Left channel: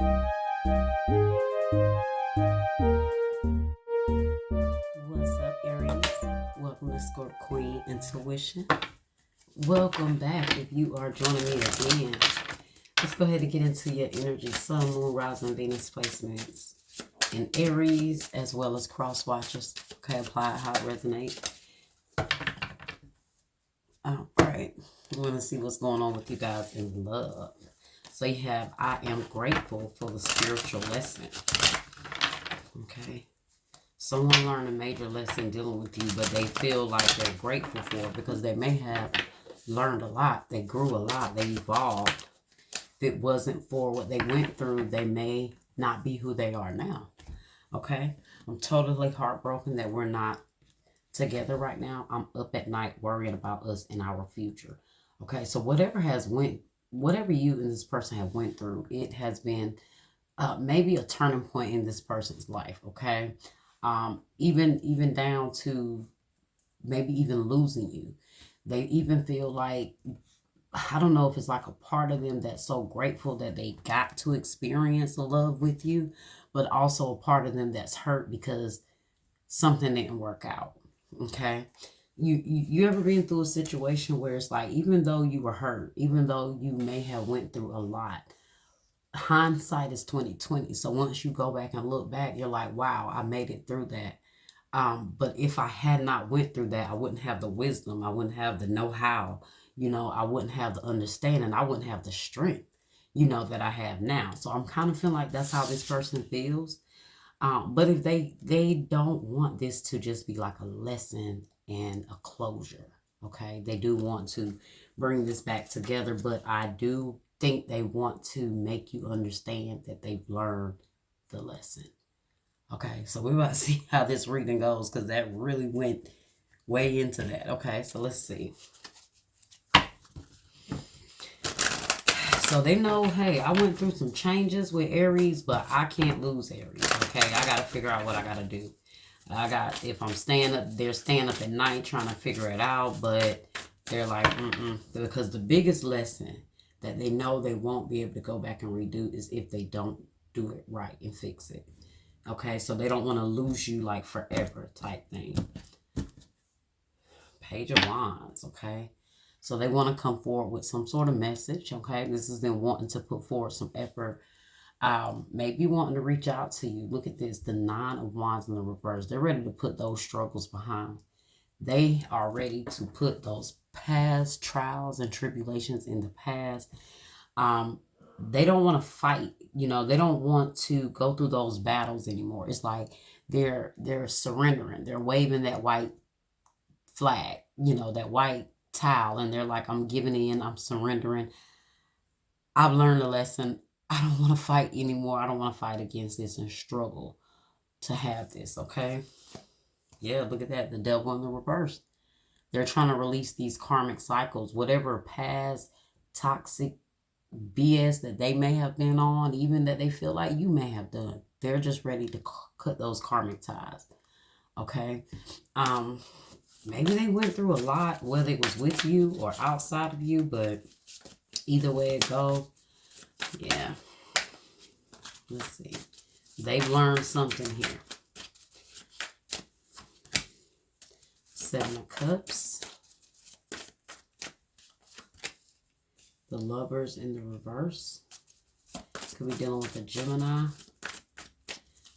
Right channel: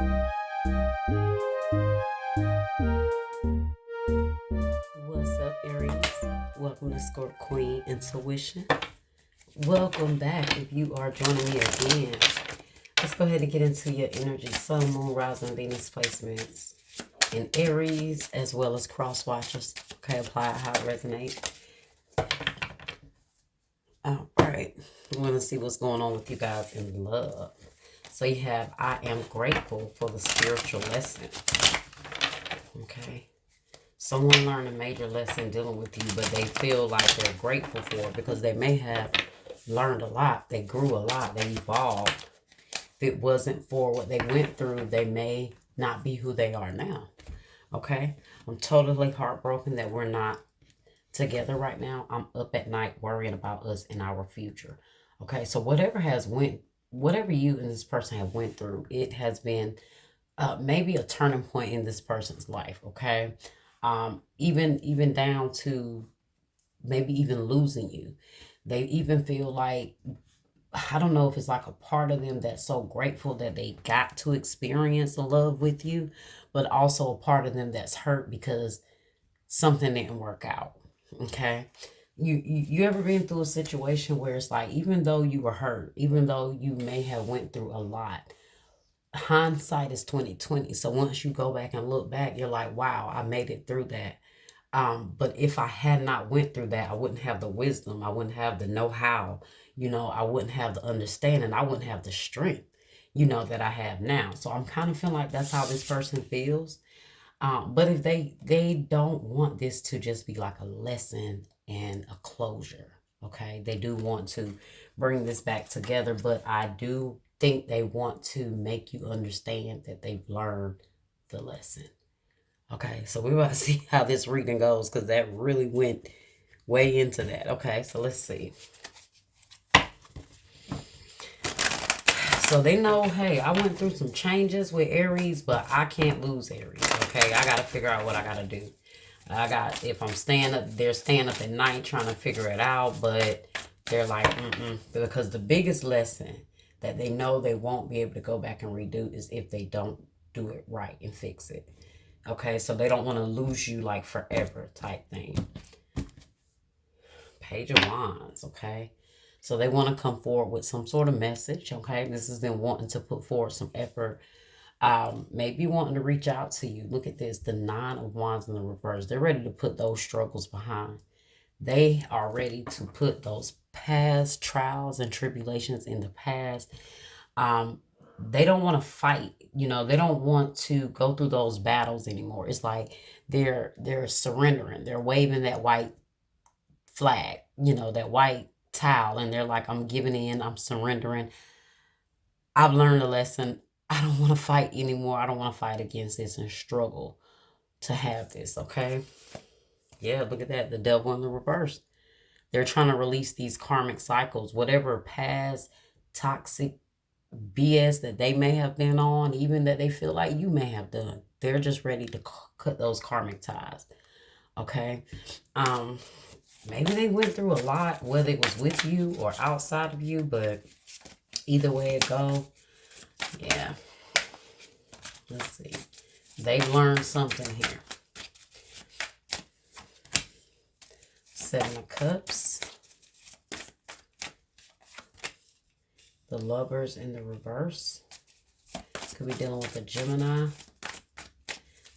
What's up, Aries? Welcome to Scorp Queen Intuition. Welcome back if you are joining me again. Let's go ahead and get into your energy. Sun, Moon, Rising, Venus placements in Aries as well as cross watchers. Okay, apply how it resonates. All right. I'm going to see what's going on with you guys in love. So you have, I am grateful for the spiritual lesson. Okay. Someone learned a major lesson dealing with you, but they feel like they're grateful for it because they may have learned a lot. They grew a lot. They evolved. If it wasn't for what they went through, they may not be who they are now. Okay? I'm totally heartbroken that we're not together right now. I'm up at night worrying about us and our future. Okay? So whatever you and this person have went through, it has been maybe a turning point in this person's life. Okay? Even down to maybe even losing you. They even feel like, I don't know if it's like a part of them that's so grateful that they got to experience the love with you, but also a part of them that's hurt because something didn't work out. Okay. You ever been through a situation where it's like, even though you were hurt, even though you may have went through a lot, hindsight is 2020. So once you go back and look back, you're like, wow, I made it through that. But if I had not went through that, I wouldn't have the wisdom. I wouldn't have the know-how. I wouldn't have the understanding. I wouldn't have the strength, that I have now. So I'm kind of feeling like that's how this person feels. But if they don't want this to just be like a lesson and a closure, okay? They do want to bring this back together, but I do think they want to make you understand that they've learned the lesson. Okay, so we're about to see how this reading goes because that really went way into that. Okay, so let's see. So they know, hey, I went through some changes with Aries, but I can't lose Aries. Okay, I got to figure out what I got to do. If I'm staying up, they're staying up at night trying to figure it out, but they're like, because the biggest lesson that they know they won't be able to go back and redo is if they don't do it right and fix it. Okay, so they don't want to lose you like forever type thing. Page of Wands, okay? So they want to come forward with some sort of message, okay? This is them wanting to put forward some effort. Maybe wanting to reach out to you. Look at this, the Nine of Wands in the reverse. They're ready to put those struggles behind. They are ready to put those past trials and tribulations in the past. They don't want to fight. They don't want to go through those battles anymore. It's like they're surrendering. They're waving that white flag, that white towel, and they're like, I'm giving in, I'm surrendering. I've learned a lesson. I don't want to fight anymore. I don't want to fight against this and struggle to have this, okay? Yeah, look at that. The Devil in the reverse. They're trying to release these karmic cycles, whatever past toxic BS that they may have been on, even that they feel like you may have done. They're just ready to cut those karmic ties, okay? Maybe they went through a lot, whether it was with you or outside of you, but either way it go, yeah. Let's see. They've learned something here. Seven of Cups. The Lovers in the reverse. Could be dealing with a Gemini.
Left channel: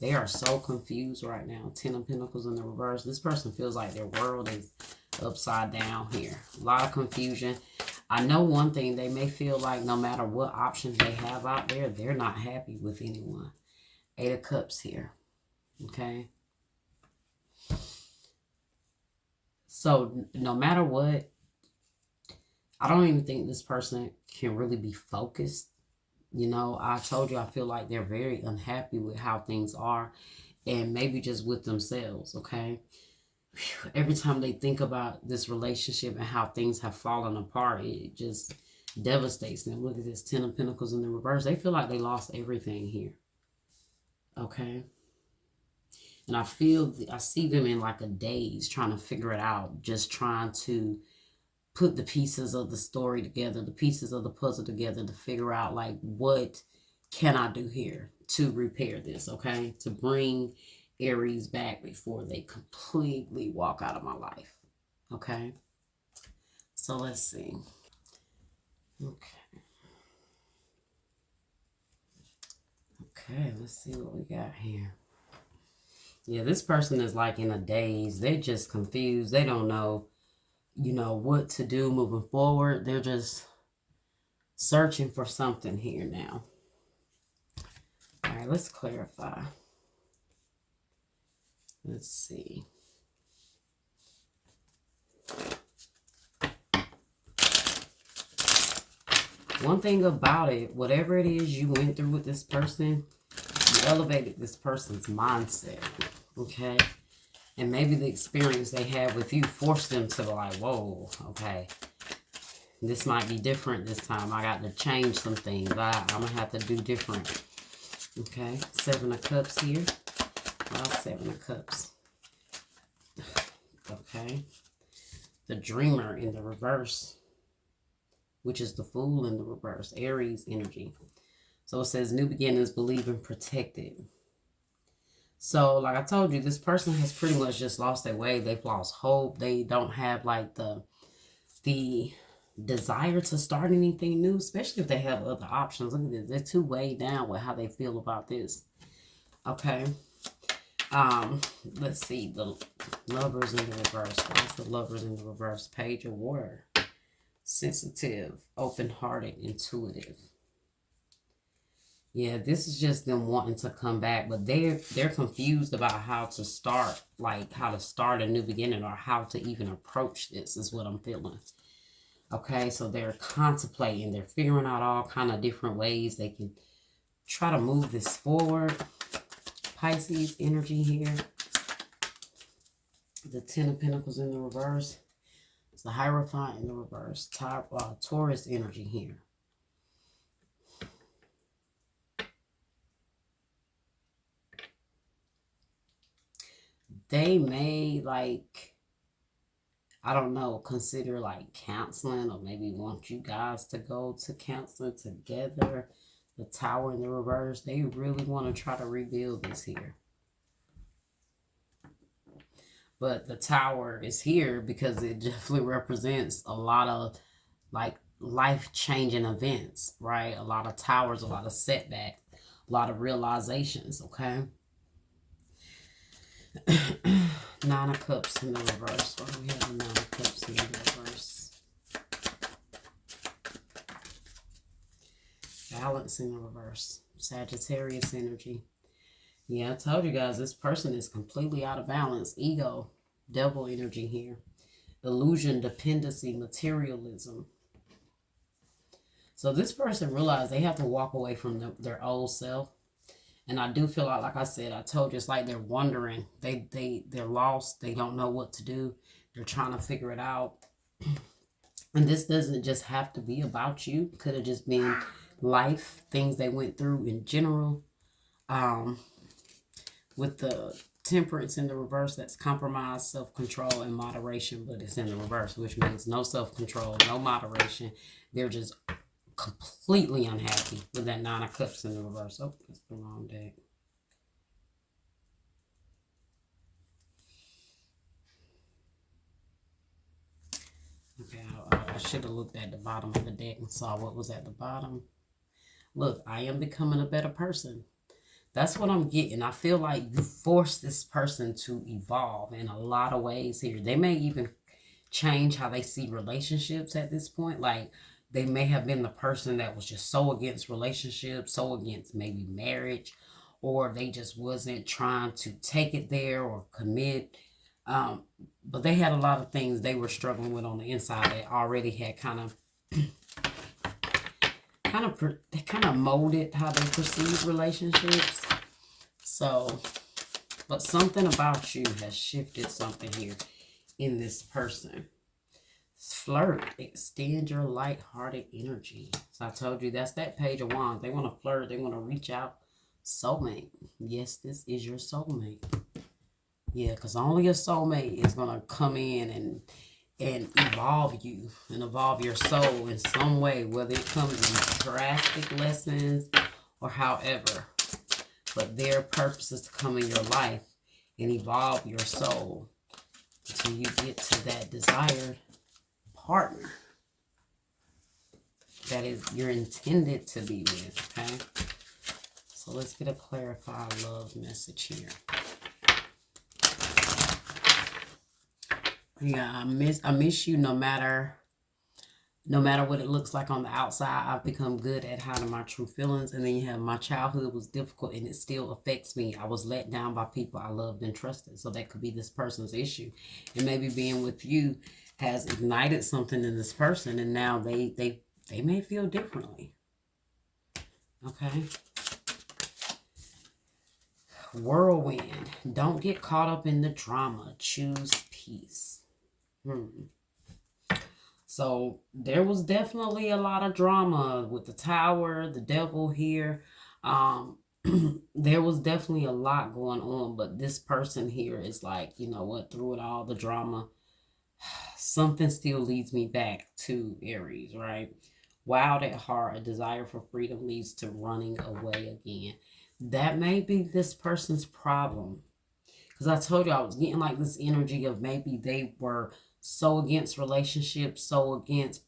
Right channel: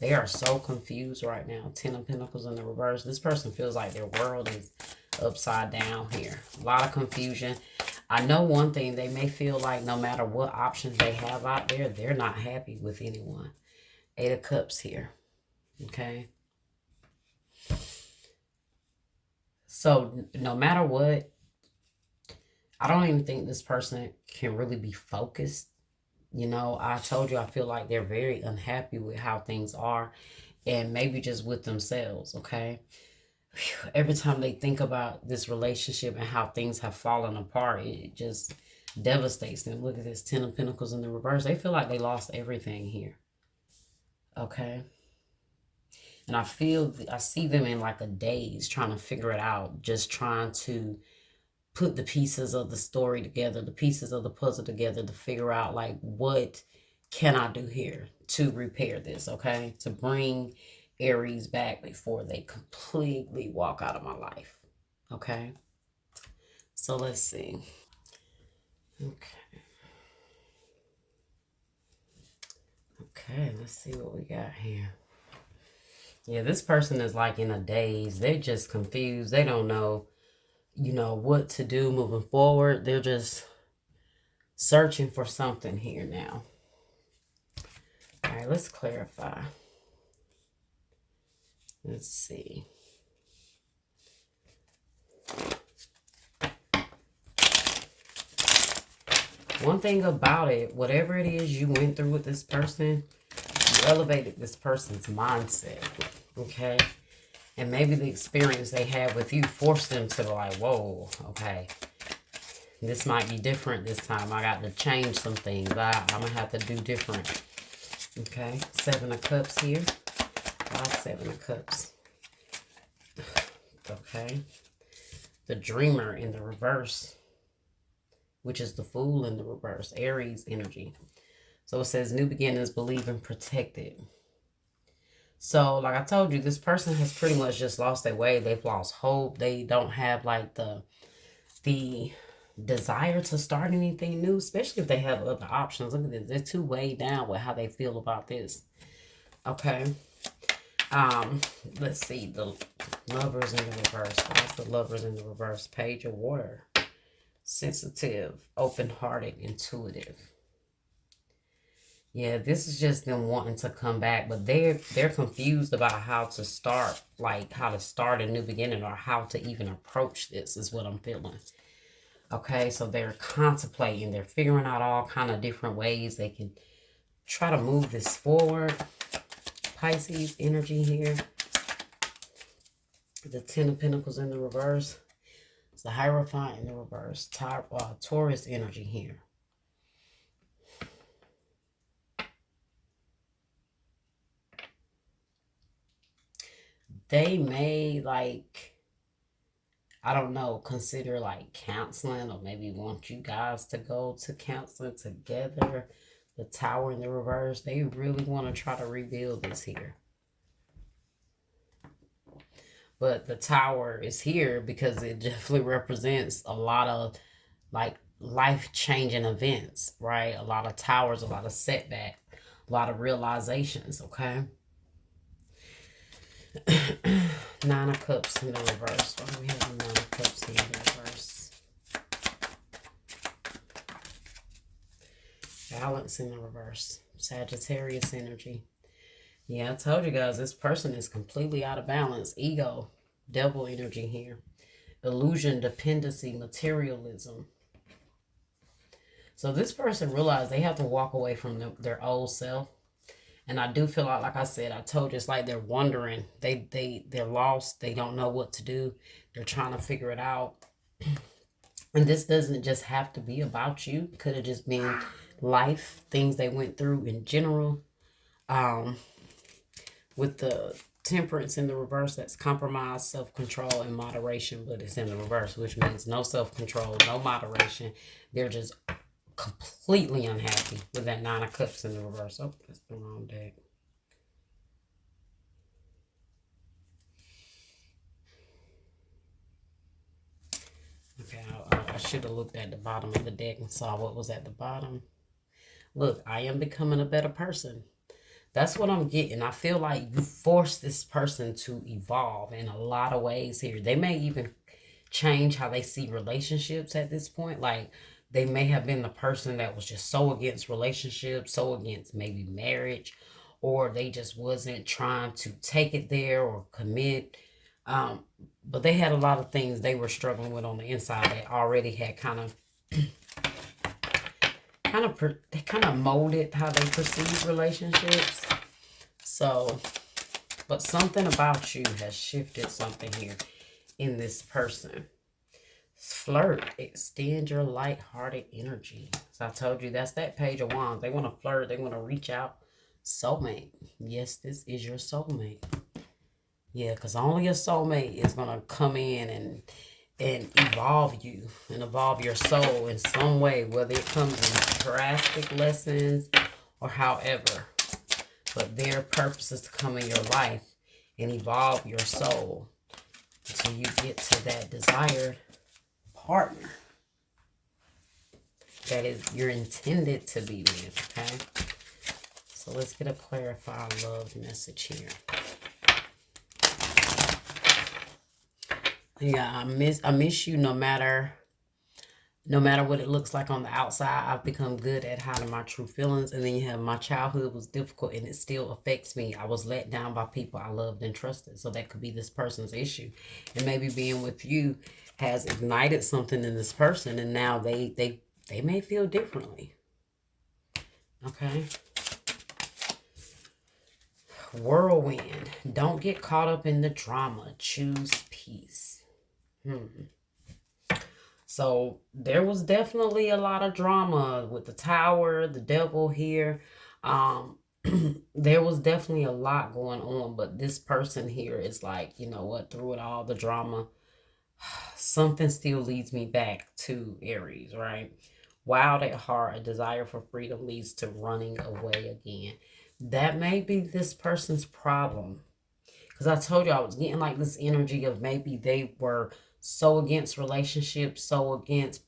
They are so confused right now. Ten of Pentacles in the reverse. This person feels like their world is upside down here. A lot of confusion. I know one thing. They may feel like no matter what options they have out there, they're not happy with anyone. Eight of Cups here. Okay. So no matter what, I don't even think this person can really be focused. I told you I feel like they're very unhappy with how things are and maybe just with themselves, okay? Every time they think about this relationship and how things have fallen apart, it just devastates them. Look at this, Ten of Pentacles in the reverse. They feel like they lost everything here, okay? And I see them in like a daze trying to figure it out, just trying to put the pieces of the story together, the pieces of the puzzle together to figure out like what can I do here to repair this, okay? To bring Aries back before they completely walk out of my life, okay? So let's see. Okay. Okay, let's see what we got here. Yeah, this person is like in a daze. They're just confused. They don't know, what to do moving forward. They're just searching for something here now. All right, let's clarify. Let's see. One thing about it, whatever it is you went through with this person, you elevated this person's mindset, okay? And maybe the experience they had with you forced them to be like, whoa, okay, this might be different this time. I got to change some things. I'm going to have to do different. Okay, 7 of Cups here. All 7 of Cups. Okay. The Dreamer in the reverse, which is the Fool in the reverse. Aries energy. So it says, new beginnings, believe and protected. So, like I told you, this person has pretty much just lost their way. They've lost hope. They don't have, like, the desire to start anything new, especially if they have other options. Look at this. They're too way down with how they feel about this. Okay. Let's see. The Lovers in the reverse. What's the Lovers in the reverse? Page of Water. Sensitive, open-hearted, intuitive. Yeah, this is just them wanting to come back, but they're confused about how to start, like how to start a new beginning or how to even approach this is what I'm feeling. Okay, so they're contemplating, they're figuring out all kind of different ways they can try to move this forward. Pisces energy here. The 10 of Pentacles in the reverse. It's the Hierophant in the reverse. Taurus energy here. They may, like, I don't know, consider like counseling, or maybe want you guys to go to counseling together. The Tower in the reverse. They really want to try to rebuild this here. But the Tower is here because it definitely represents a lot of like life-changing events, right? A lot of towers, a lot of setback, a lot of realizations, okay? 9 of Cups in the reverse. Why do we have the 9 of Cups in the reverse? Balance in the reverse. Sagittarius energy. Yeah, I told you guys, this person is completely out of balance. Ego, Devil energy here. Illusion, dependency, materialism. So this person realized they have to walk away from their old self. And I do feel like I said, I told you, it's like they're wondering. They're lost. They don't know what to do. They're trying to figure it out. And this doesn't just have to be about you. Could have just been life, things they went through in general. With the Temperance in the reverse, that's compromise, self-control, and moderation. But it's in the reverse, which means no self-control, no moderation. They're just completely unhappy with that 9 of Cups in the reverse. Oh, that's the wrong deck. Okay, I should have looked at the bottom of the deck and saw what was at the bottom. Look, I am becoming a better person. That's what I'm getting. I feel like you force this person to evolve in a lot of ways here. They may even change how they see relationships at this point. Like, they may have been the person that was just so against relationships, so against maybe marriage, or they just wasn't trying to take it there or commit. But they had a lot of things they were struggling with on the inside that already had kind of molded how they perceive relationships. So, but something about you has shifted something here in this person. Flirt, extend your light-hearted energy. So I told you, that's that Page of Wands. They want to flirt. They want to reach out. Soulmate. Yes, this is your soulmate. Yeah, because only a soulmate is going to come in and evolve you and evolve your soul in some way, whether it comes in drastic lessons or however. But their purpose is to come in your life and evolve your soul until you get to that desired partner that is you're intended to be with, okay? So let's get a clarified love message here. Yeah, I miss you no matter what it looks like on the outside. I've become good at hiding my true feelings. And then you have my childhood was difficult and it still affects me. I was let down by people I loved and trusted. So that could be this person's issue. And maybe being with you has ignited something in this person. And now they may feel differently. Okay. Whirlwind. Don't get caught up in the drama. Choose peace. So there was definitely a lot of drama with the tower, the devil here. There was definitely a lot going on, but this person here is like, you know what, through it all, the drama, something still leads me back to Aries, right? Wild at heart, a desire for freedom leads to running away again. That may be this person's problem. Because I told you I was getting like this energy of maybe they were so against relationships, so against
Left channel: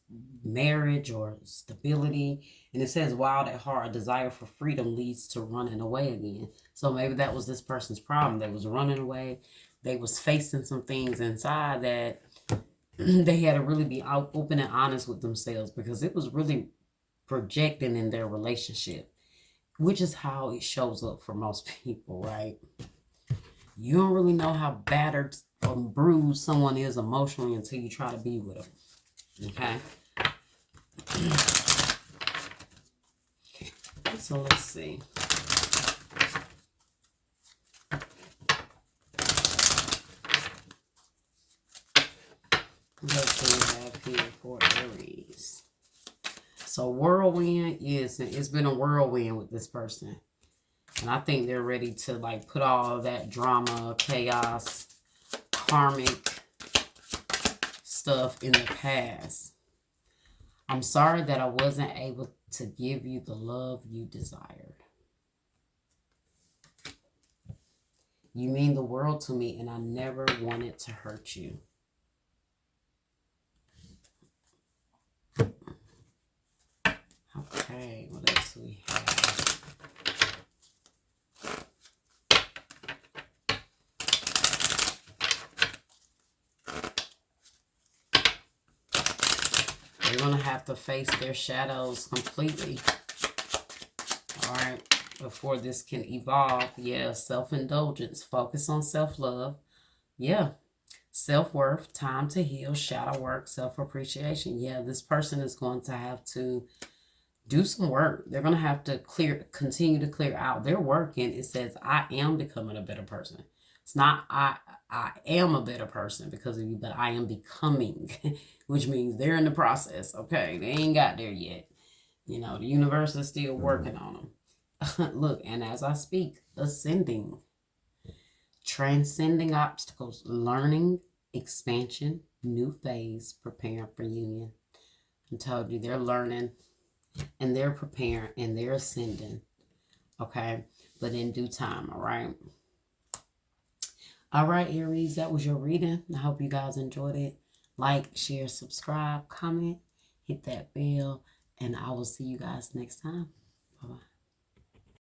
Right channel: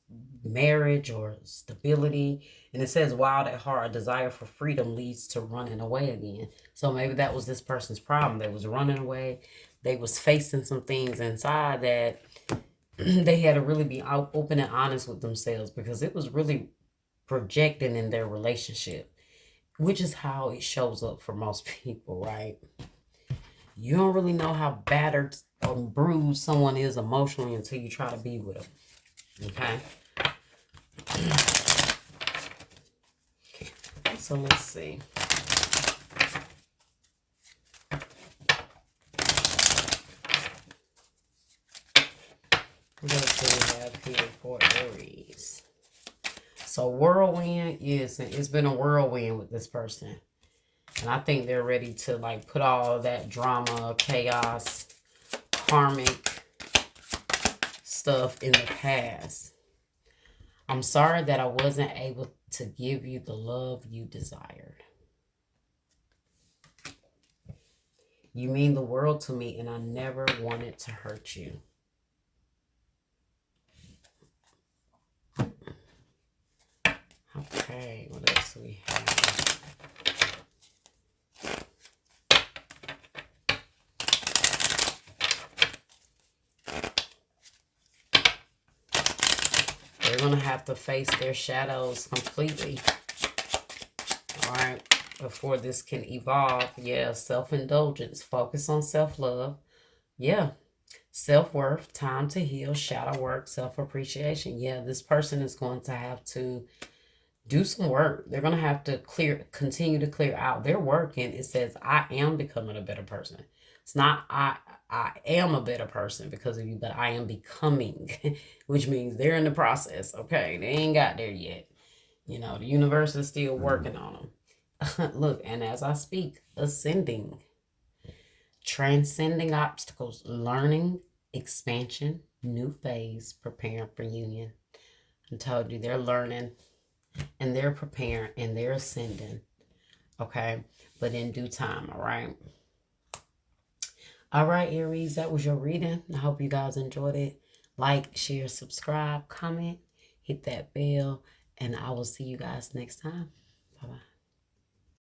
marriage or stability. And it says wild at heart, a desire for freedom leads to running away again. So maybe that was this person's problem. They was running away. They was facing some things inside that they had to really be open and honest with themselves, because it was really projecting in their relationship, which is how it shows up for most people, right? You don't really know how battered or bruised someone is emotionally until you try to be with them. Okay? So let's see. What do we have here for Aries? So whirlwind it's been a whirlwind with this person. And I think they're ready to like put all that drama, chaos, karmic stuff in the past. I'm sorry that I wasn't able to give you the love you desired. You mean the world to me, and I never wanted to hurt you. Okay, what else do we have? They're going to have to face their shadows completely, all right, before this can evolve. Yeah, self-indulgence, focus on self-love. Yeah, self-worth, time to heal, shadow work, self-appreciation. Yeah, this person is going to have to do some work. They're going to have to continue to clear out their work. And it says, I am becoming a better person. It's not I am a better person because of you, but I am becoming, which means they're in the process. Okay, they ain't got there yet. You know, the universe is still working on them. Look, and as I speak, ascending, transcending obstacles, learning, expansion, new phase, preparing for union. I told you they're learning and they're preparing and they're ascending. Okay, but in due time, all right? All right, Aries, that was your reading. I hope you guys enjoyed it. Like, share, subscribe, comment, hit that bell, and I will see you guys next time. Bye-bye.